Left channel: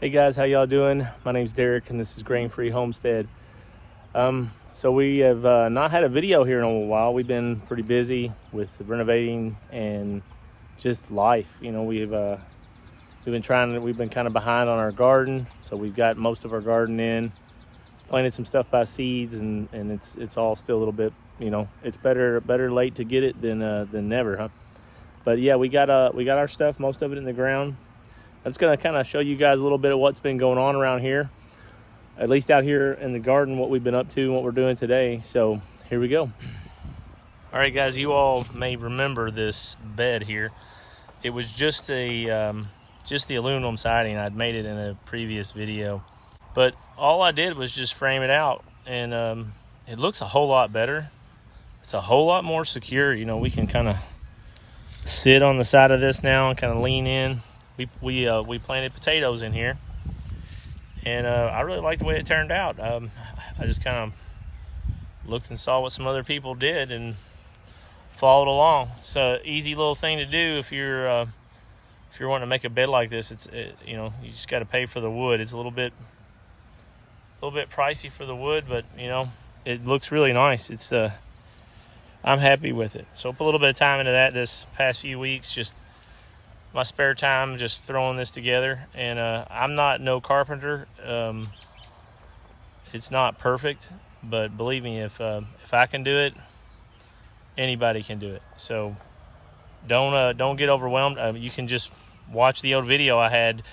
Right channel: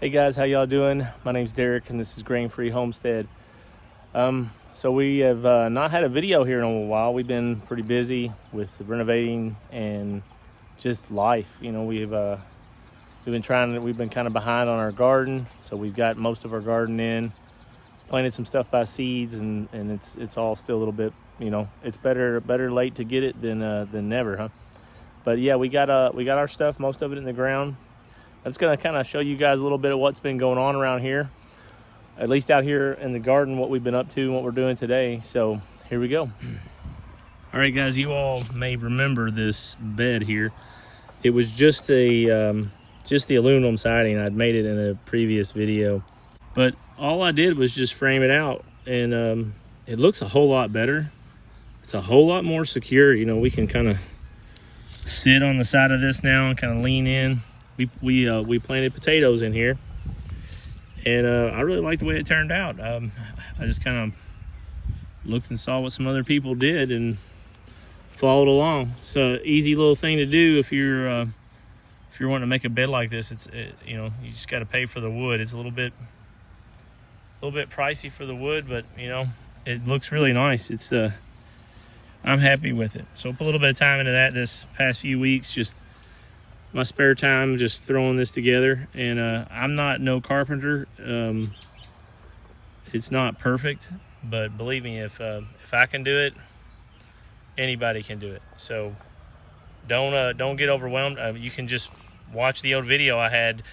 Hey guys, how y'all doing? My name's Derrick and this is Grain Free Homestead. So we have not had a video here in a little while. We've been pretty busy with renovating and just life. You know, we've been kind of behind on our garden. So we've got most of our garden in, planted some stuff by seeds, and it's all still a little bit, you know, it's better late to get it than never, huh? But yeah, we got our stuff, most of it in the ground. I'm just gonna kind of show you guys a little bit of what's been going on around here, at least out here in the garden, what we've been up to and what we're doing today. So here we go. All right, guys, you all may remember this bed here. It was just the aluminum siding. I'd made it in a previous video, but all I did was just frame it out, and it looks a whole lot better. It's a whole lot more secure. You know, we can kind of sit on the side of this now and kind of lean in. We planted potatoes in here, and I really like the way it turned out. I just kind of looked and saw what some other people did and followed along. It's an easy little thing to do if you're wanting to make a bed like this. You know, you just got to pay for the wood. It's a little bit pricey for the wood, but you know, it looks really nice. I'm happy with it. So put a little bit of time into that this past few weeks, just my spare time, just throwing this together. And I'm not no carpenter. It's not perfect, but believe me, if I can do it, anybody can do it. So don't get overwhelmed. You can just watch the old video I had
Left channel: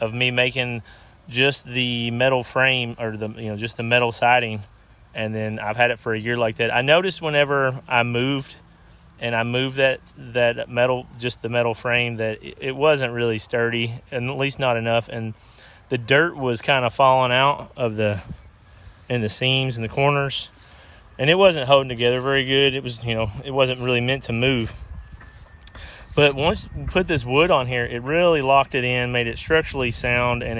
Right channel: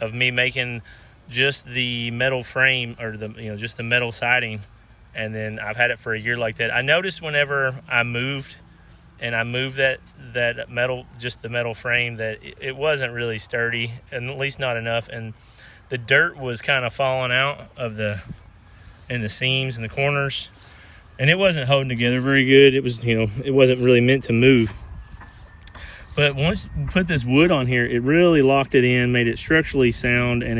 of me making just the metal frame, or just the metal siding, and then I've had it for a year like that. I noticed whenever I moved that metal, just the metal frame, that it wasn't really sturdy, and at least not enough, and the dirt was kind of falling out of in the seams and the corners, and it wasn't holding together very good. It was, it wasn't really meant to move. But once you put this wood on here, it really locked it in, made it structurally sound, and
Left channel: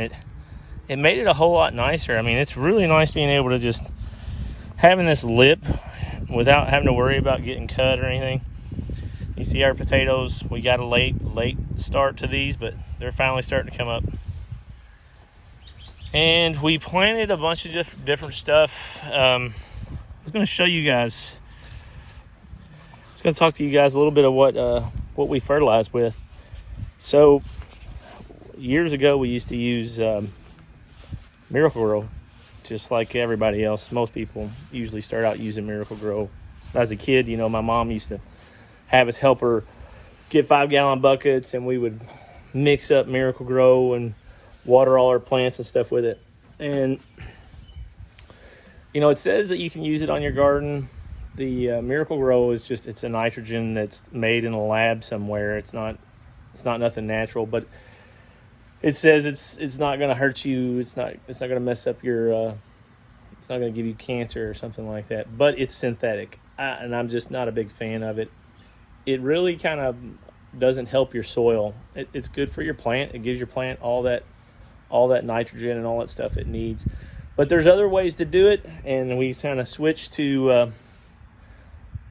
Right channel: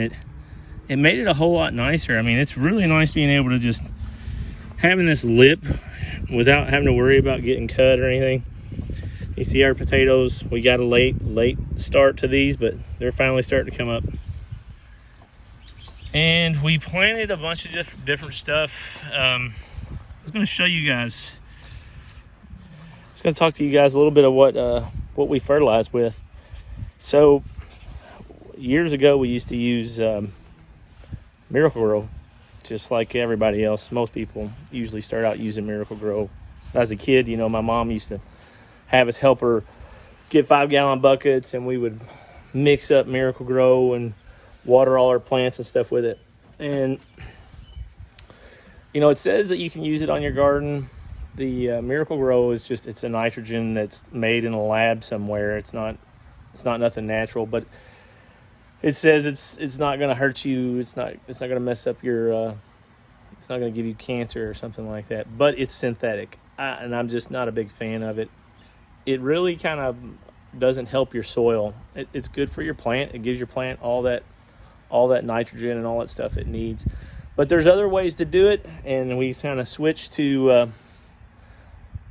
it made it a whole lot nicer. I mean, it's really nice being able to just having this lip without having to worry about getting cut or anything. You see our potatoes, we got a late start to these, but they're finally starting to come up. And we planted a bunch of different stuff. I was going to show you guys. I was going to talk to you guys a little bit of what we fertilize with. So years ago, we used to use Miracle-Gro, just like everybody else. Most people usually start out using Miracle-Gro. As a kid, my mom used to have us help her get 5-gallon buckets, and we would mix up Miracle-Gro and water all our plants and stuff with it. And it says that you can use it on your garden. The Miracle-Gro is it's a nitrogen that's made in a lab somewhere. It's not nothing natural, but it says it's not going to hurt you. It's not going to mess up your it's not going to give you cancer or something like that, but it's synthetic, and I'm just not a big fan of it. It really kind of doesn't help your soil. It's good for your plant. It gives your plant all that nitrogen and all that stuff it needs. But there's other ways to do it, and we kind of switched to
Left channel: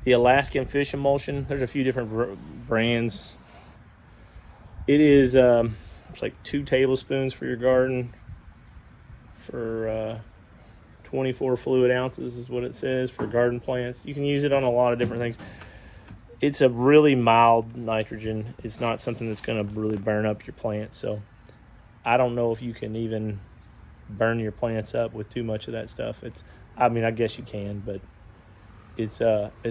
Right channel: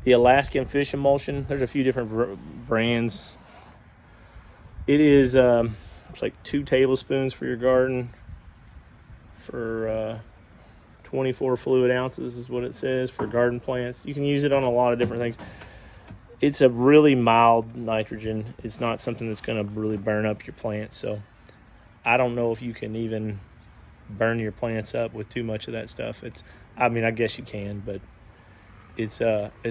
the Alaskan fish emulsion. There's a few different brands. It is it's like 2 tablespoons for your garden for 24 fluid ounces is what it says for garden plants. You can use it on a lot of different things. It's a really mild nitrogen. It's not something that's going to really burn up your plants. So I don't know if you can even burn your plants up with too much of that stuff. I guess you can, but it's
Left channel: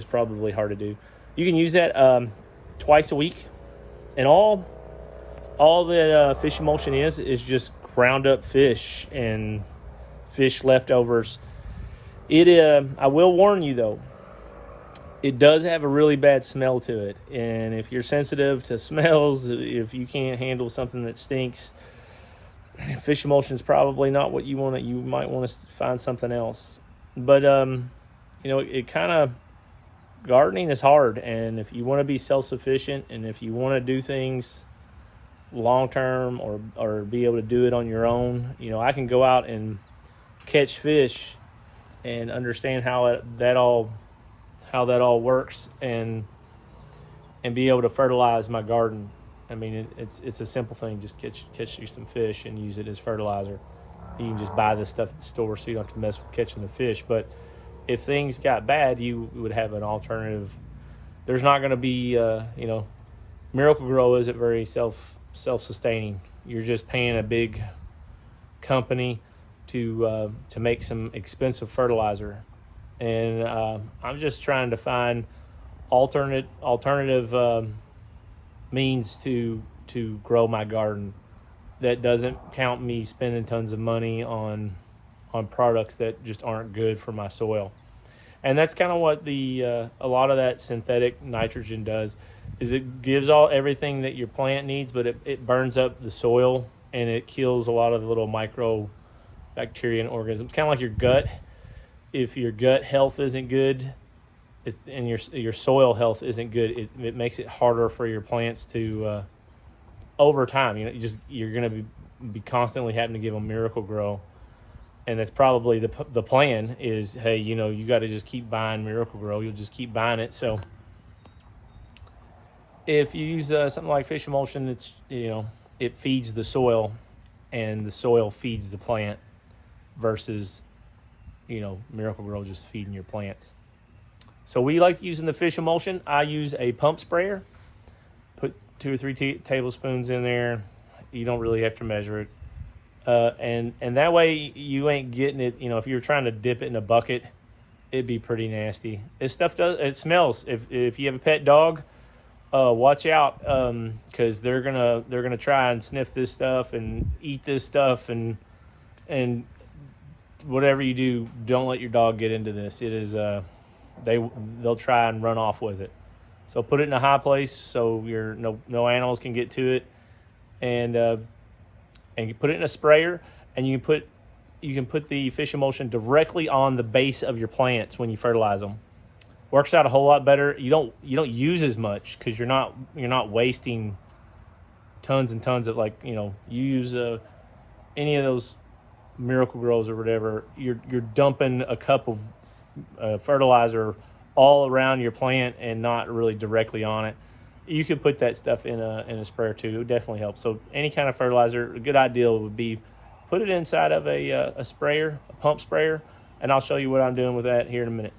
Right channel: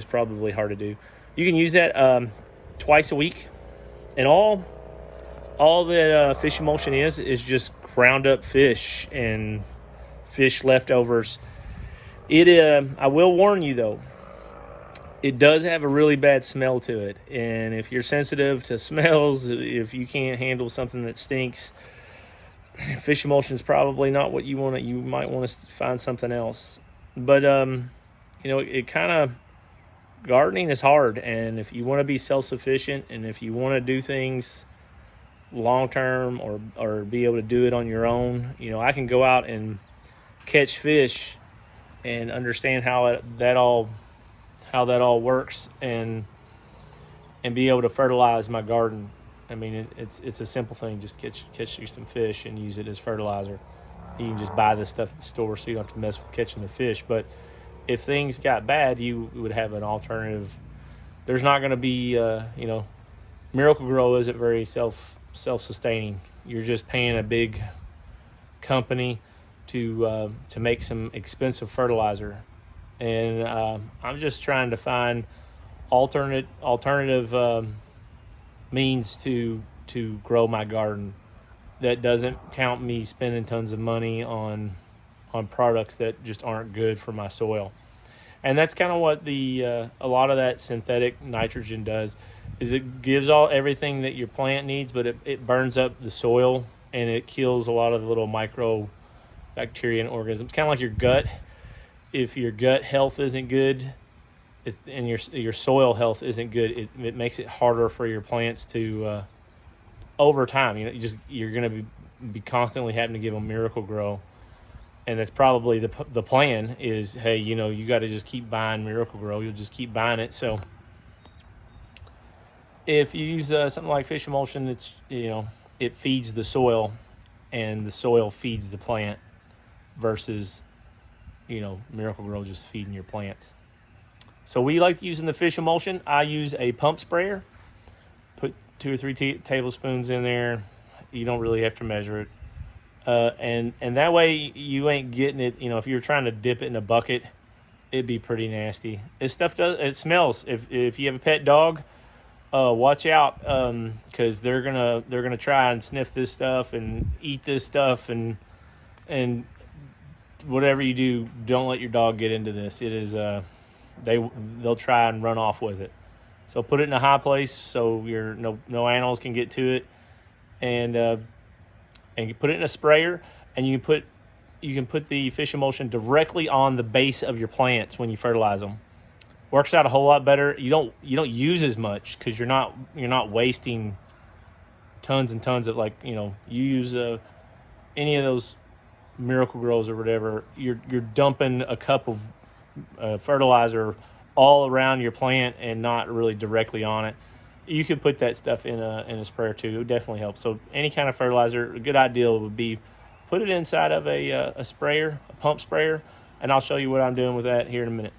probably hard to do. You can use that twice a week, and all that fish emulsion is just ground up fish and fish leftovers. I will warn you though, it does have a really bad smell to it, and if you're sensitive to smells, if you can't handle something that stinks, fish emulsion is probably not what you want. You might want to find something else. But it kind of, gardening is hard, and if you want to be self-sufficient, and if you want to do things long term, or be able to do it on your own, I can go out and catch fish and understand how that all works, and be able to fertilize my garden I mean, it's a simple thing. Just catch you some fish and use it as fertilizer. You can just buy this stuff at the store, so you don't have to mess with catching the fish. But if things got bad, you would have an alternative. There's not going to be, Miracle Grow isn't very self-sustaining. You're just paying a big company to make some expensive fertilizer, and I'm just trying to find alternative means to grow my garden that doesn't count me spending tons of money on products that just aren't good for my soil. And that's kind of what a lot of that synthetic nitrogen does, is it gives everything that your plant needs, but it burns up the soil and it kills a lot of the little micro bacteria and organisms. Kind of like your gut. If your gut health isn't good, and your soil health isn't good, it makes it harder for your plants to over time. You're going to be constantly having to give them Miracle Grow, and that's probably the plan. Is, hey, you got to just keep buying Miracle Grow. You'll just keep buying it. So if you use something like fish emulsion, it's it feeds the soil, and the soil feeds the plant, versus Miracle Grow just feeding your plants. So we like using the fish emulsion. I use a pump sprayer. Put 2 or 3 tablespoons in there. You don't really have to measure it, and that way you ain't getting it. If you're trying to dip it in a bucket, it'd be pretty nasty. This stuff it smells. If you have a pet dog, watch out, because they're gonna try and sniff this stuff and eat this stuff, and whatever you do, don't let your dog get into this. It is they'll try and run off with it. So put it in a high place so no animals can get to it, and you put it in a sprayer, and you can put the fish emulsion directly on the base of your plants when you fertilize them. Works out a whole lot better. You don't use as much, because you're not wasting tons and tons of, you use any of those Miracle Grows or whatever. You're dumping a cup of fertilizer all around your plant and not really directly on it. You could put that stuff in a sprayer too. It would definitely help. So any kind of fertilizer, a good idea would be put it inside of a sprayer, a pump sprayer, and I'll show you what I'm doing with that here in a minute.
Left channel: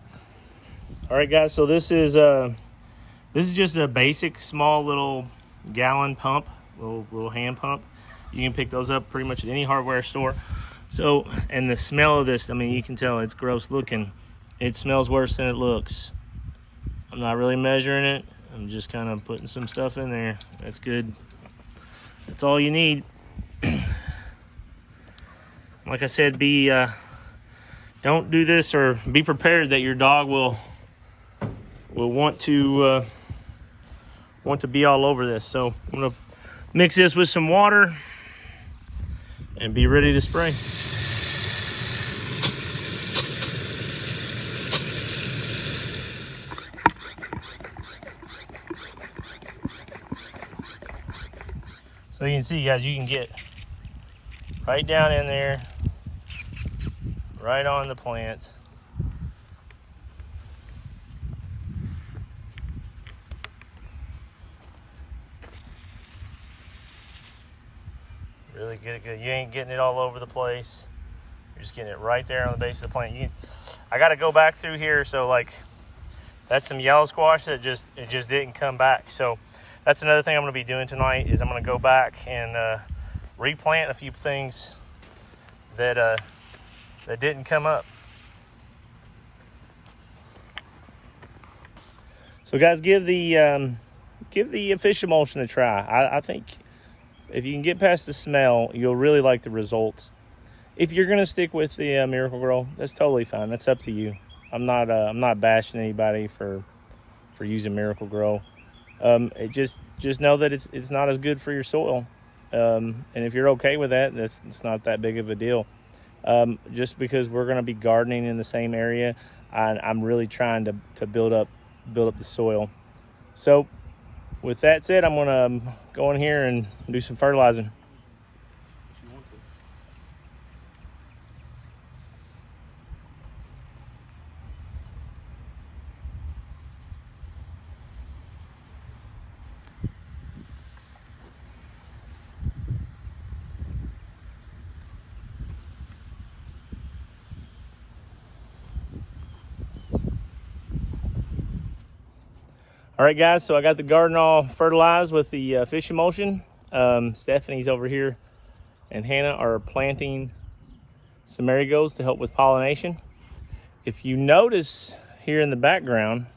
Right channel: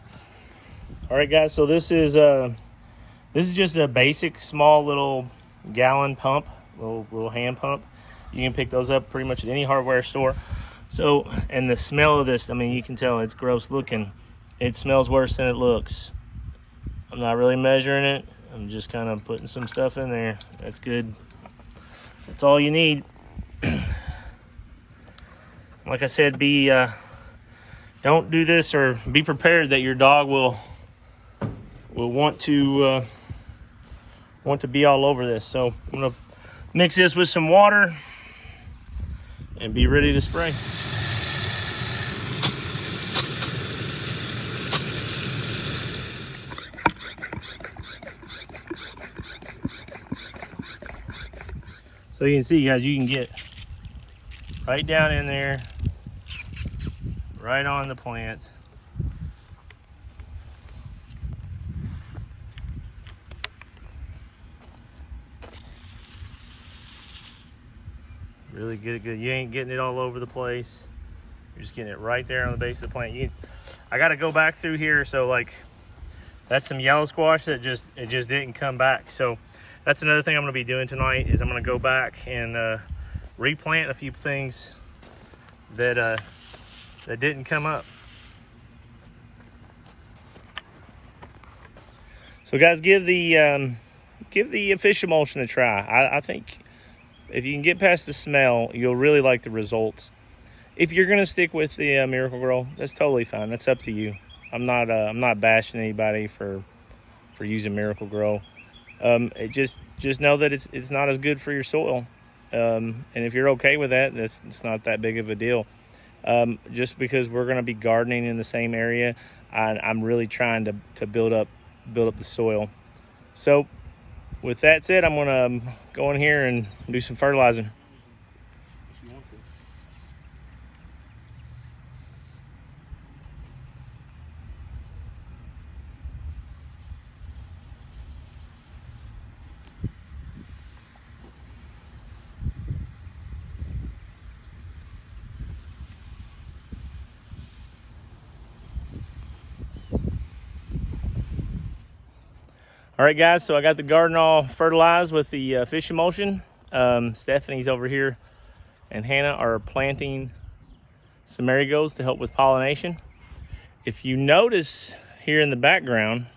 All right, guys. So this is just a basic small little gallon pump, little hand pump. You can pick those up pretty much at any hardware store. So, and the smell of this, I mean, you can tell it's gross looking. It smells worse than it looks. I'm not really measuring it. I'm just kind of putting some stuff in there. That's good. That's all you need. Like I said, don't do this, or be prepared that your dog will want to be all over this. So I'm gonna mix this with some water and be ready to spray. So you can see, guys, you can get right down in there, right on the plant. Really good. You ain't getting it all over the place. You're just getting it right there on the base of the plant. I got to go back through here. So that's some yellow squash that just didn't come back. So that's another thing I'm going to be doing tonight, is I'm going to go back and replant a few things that didn't come up. So guys, give the fish emulsion a try. I think if you can get past the smell, you'll really like the results. If you're gonna stick with the Miracle Grow, that's totally fine. That's up to you. I'm not bashing anybody for using Miracle Grow. Just know that it's not as good for your soil, and if you're okay with that, it's not that big of a deal. Just because we're gonna be gardening in the same area, I'm really trying to build up the soil. So with that said, I'm gonna go in here and do some fertilizing. All right, guys, so I got the garden all fertilized with the fish emulsion. Stephanie's over here and Hannah are planting some marigolds to help with pollination. If you notice here in the background,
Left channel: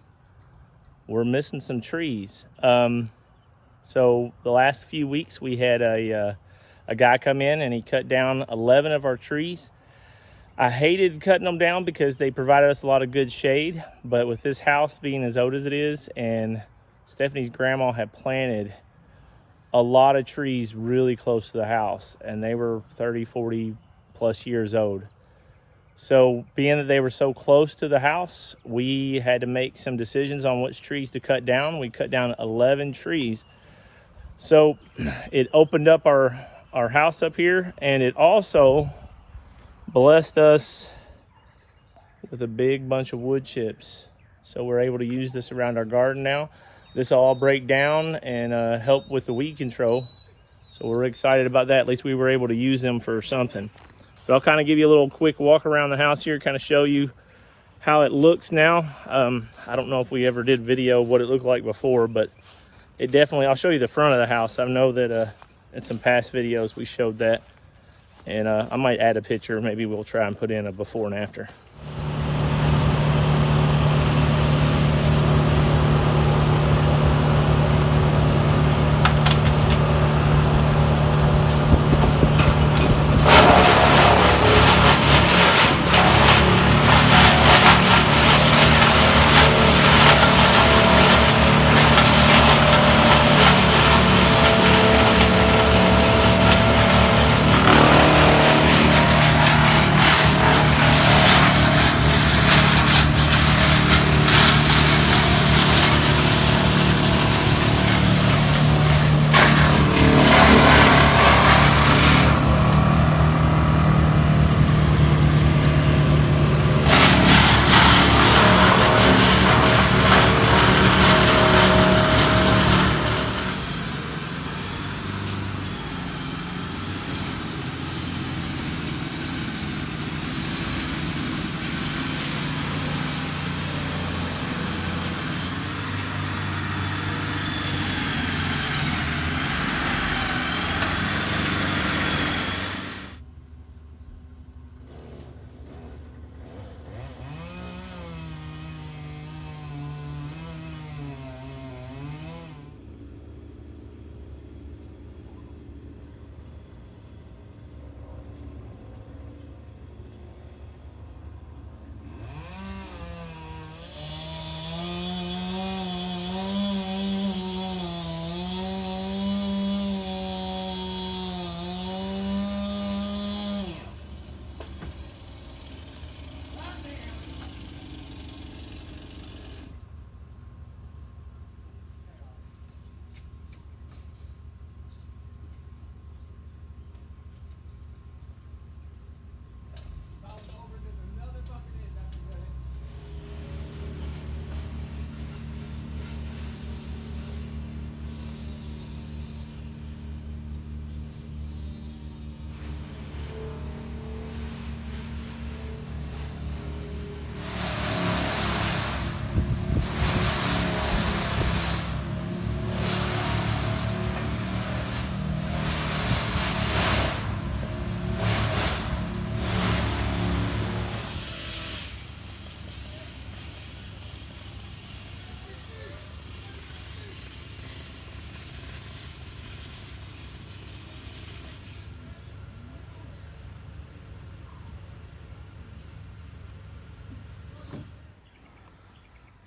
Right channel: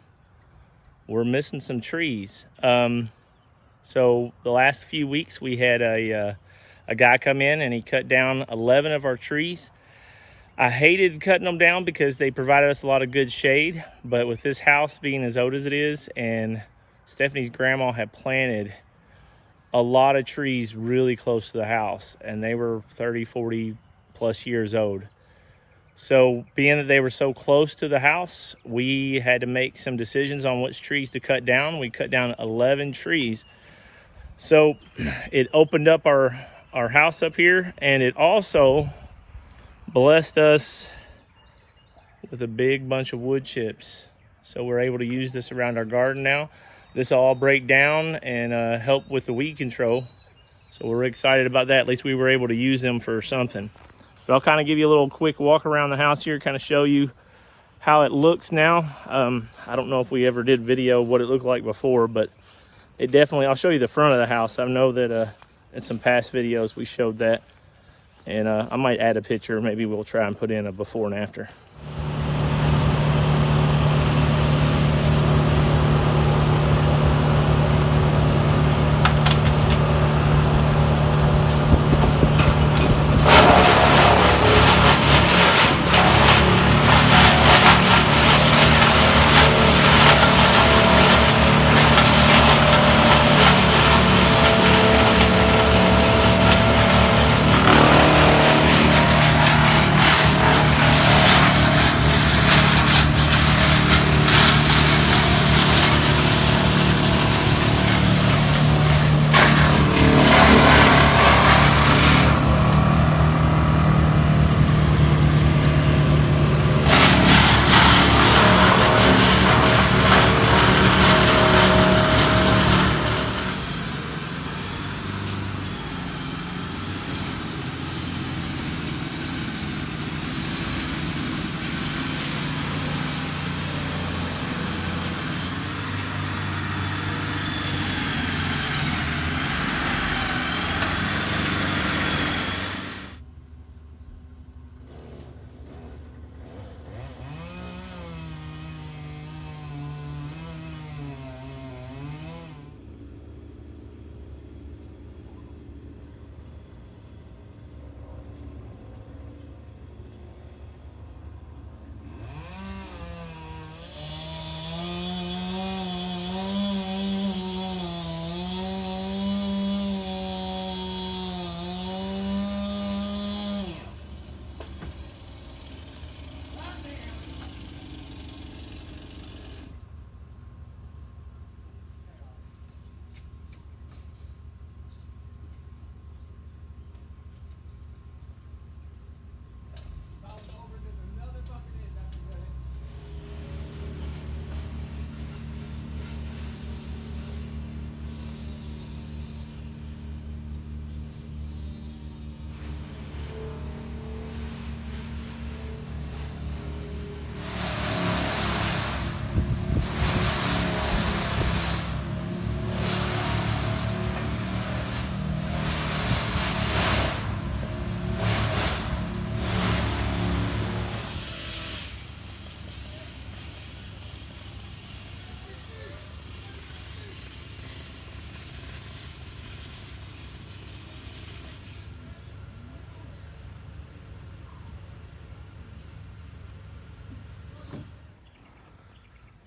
we're missing some trees. So the last few weeks we had a guy come in and he cut down 11 of our trees. I hated cutting them down because they provided us a lot of good shade, but with this house being as old as it is, and Stephanie's grandma had planted a lot of trees really close to the house, and they were 30, 40 plus years old. So being that they were so close to the house, we had to make some decisions on which trees to cut down. We cut down 11 trees. So it opened up our house up here, and it also blessed us with a big bunch of wood chips. So we're able to use this around our garden now. This will all break down and help with the weed control. So we're excited about that. At least we were able to use them for something. But I'll kind of give you a little quick walk around the house here, kind of show you how it looks now. I don't know if we ever did video what it looked like before, but it definitely, I'll show you the front of the house. I know that in some past videos we showed that. And I might add a picture. Maybe we'll try and put in a before and after.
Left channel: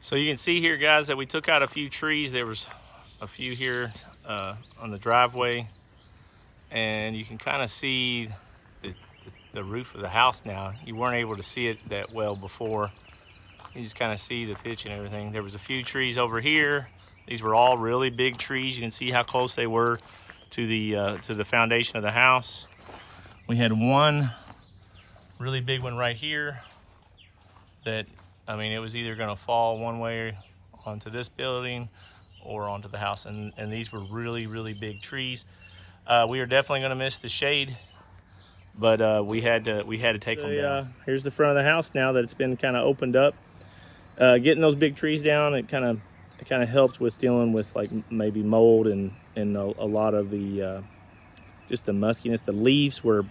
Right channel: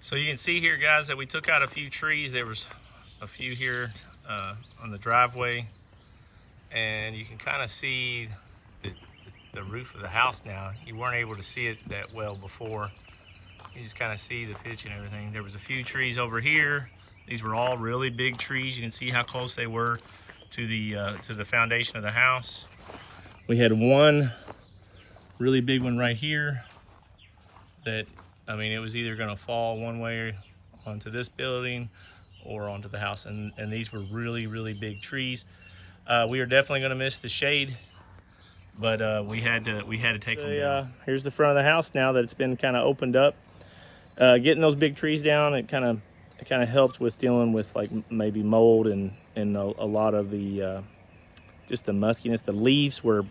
So you can see here, guys, that we took out a few trees. There was a few here on the driveway, and you can kind of see the roof of the house now. You weren't able to see it that well before. You just kind of see the pitch and everything. There was a few trees over here. These were all really big trees. You can see how close they were to the foundation of the house. We had one really big one right here that, I mean, it was either gonna fall one way onto this building or onto the house. And these were really, really big trees. We are definitely gonna miss the shade, but we had to take them down. Here's the front of the house now that it's been kind of opened up. Getting those big trees down, it kind of it kind of helped with dealing with like maybe mold and a lot of the just the muskiness. The leaves were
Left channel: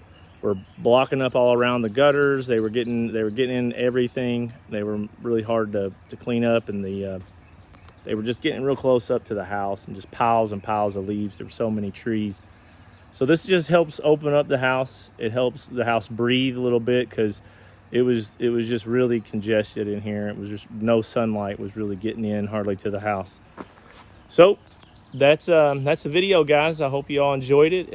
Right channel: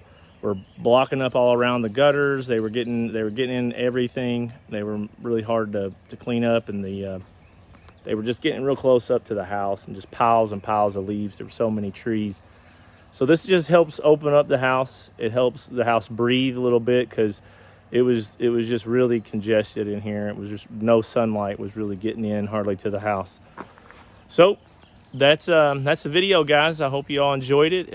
blocking up all around the gutters. They were getting in everything. They were really hard to clean up, and they were just getting real close up to the house, and just piles and piles of leaves. There were so many trees. So this just helps open up the house. It helps the house breathe a little bit, because it was just really congested in here. It was just no sunlight was really getting in hardly to the house. So that's the video, guys. I hope you all enjoyed it.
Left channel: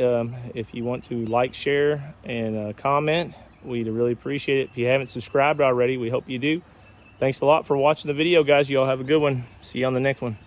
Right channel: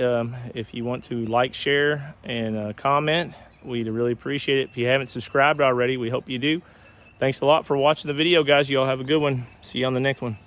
If you want to like, share, and comment, we'd really appreciate it. If you haven't subscribed already, we hope you do. Thanks a lot for watching the video, guys. You all have a good one. See you on the next one.